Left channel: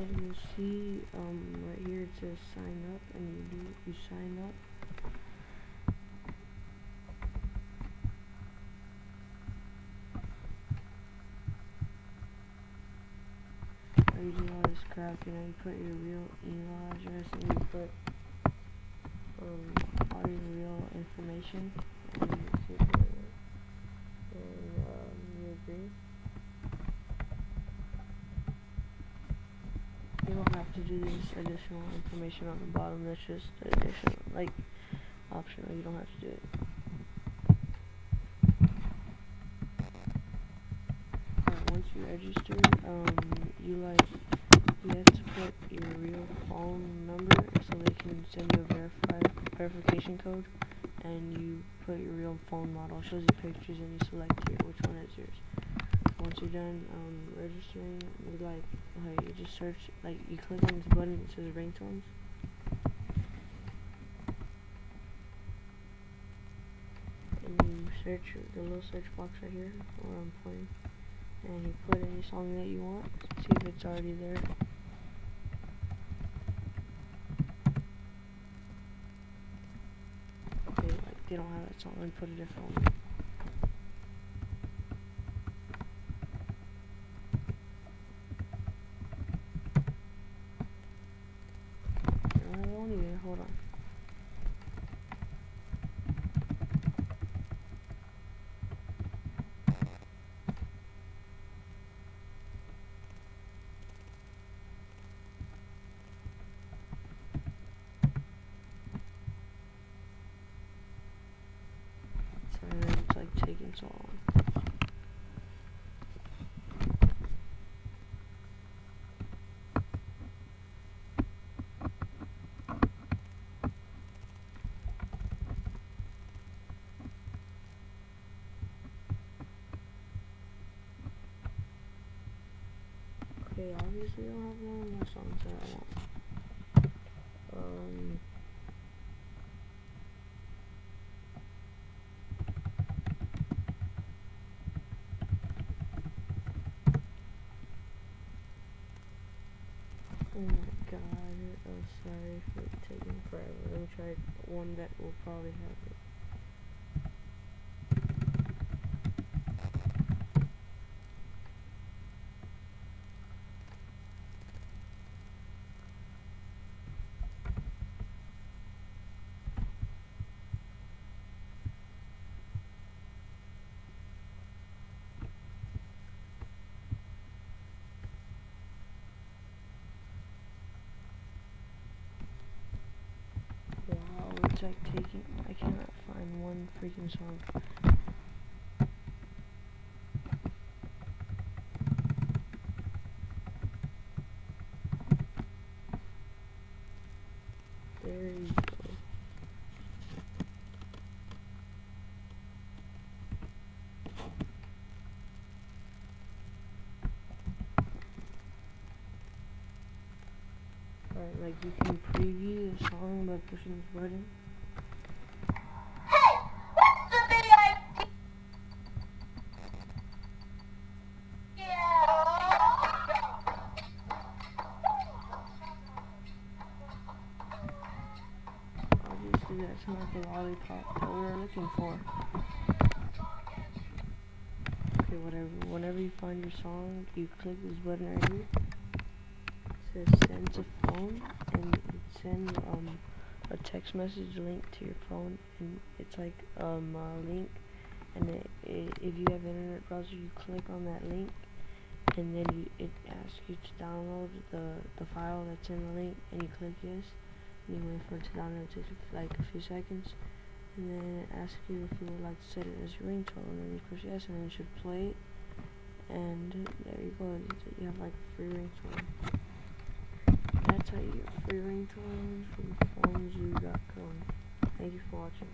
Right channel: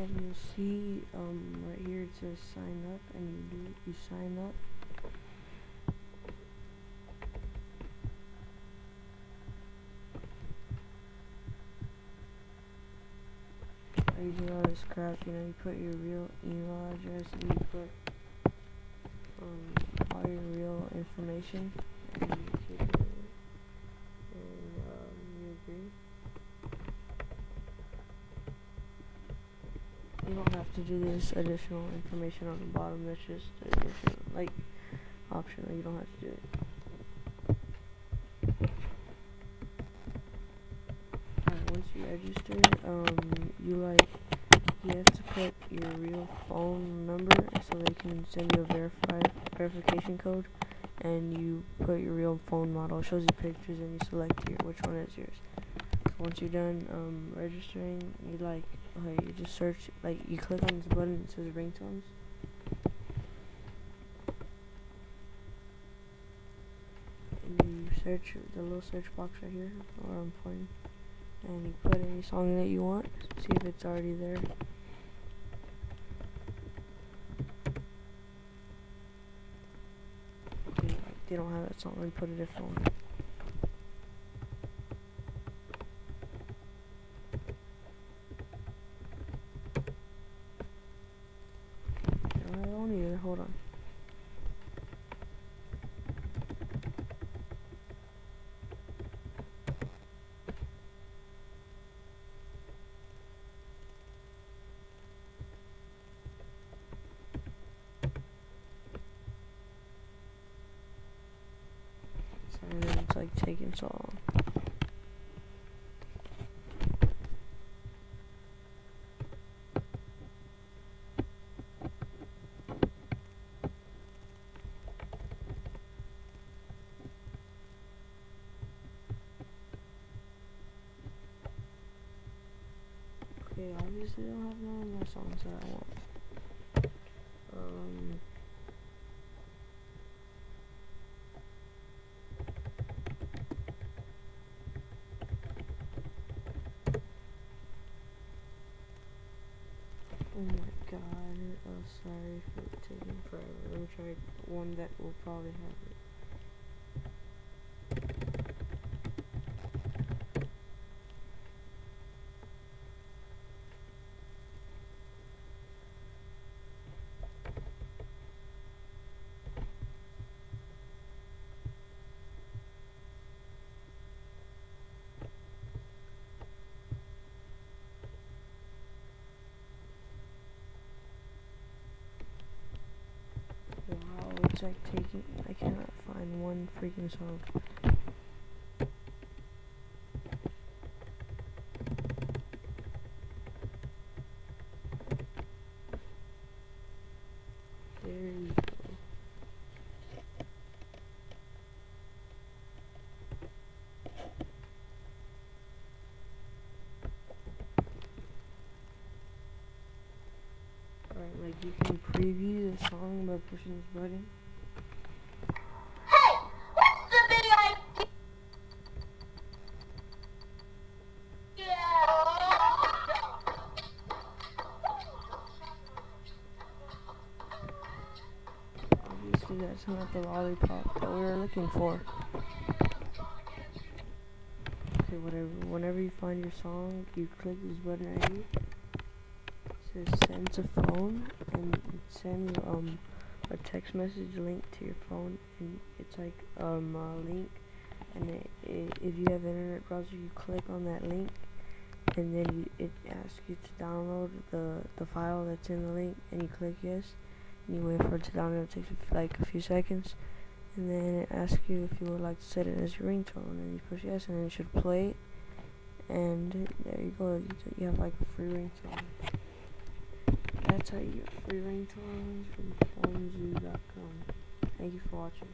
And you'll see right here it says sign up, and you sign up. You do all this crap, you put your real email address, and you put all your real information, and you keep it, and you agree. You don't have to do this additional information on the bottom. That's just additional, like, optional. You don't have to do it. Alright, once you register, you have to put your real phone number so they can send you a verification code, and you put your real phone model. It shows you pictures, and you select which one is yours. Once you're done registering, you just search, you click on this button that says ringtones. And you search the little search box right here where I'm playing, and you put any song that you want. See if it's already there. Okay, they don't have that song, and put a different one. Hold on. Sorry, it's taking so long. Okay, obviously I don't have no more songs that I want. Oh my god, sorry for taking forever. Let me try one that will probably have it. Wow, it's taking, I cannot find one freaking song. There you go. Alright, you can preview the song by pushing this button. Hey! What's the video? Obviously that's not the lollipop that we were looking for. Okay, whatever. Whenever you find your song, you click this button right here. It says send to phone, and it sends a text message link to your phone, and it's a link, and if you have an internet browser, you click on that link, and then it asks you to download the file that's in the link, and you click yes, and you wait for it to download. It takes a few seconds, and then it asks you if you would like to set it as your ringtone, and you push yes, and then it should play it, and there you go. You have a free ringtone. That's how you get free ringtones from PhoneZoo.com. Thank you for watching.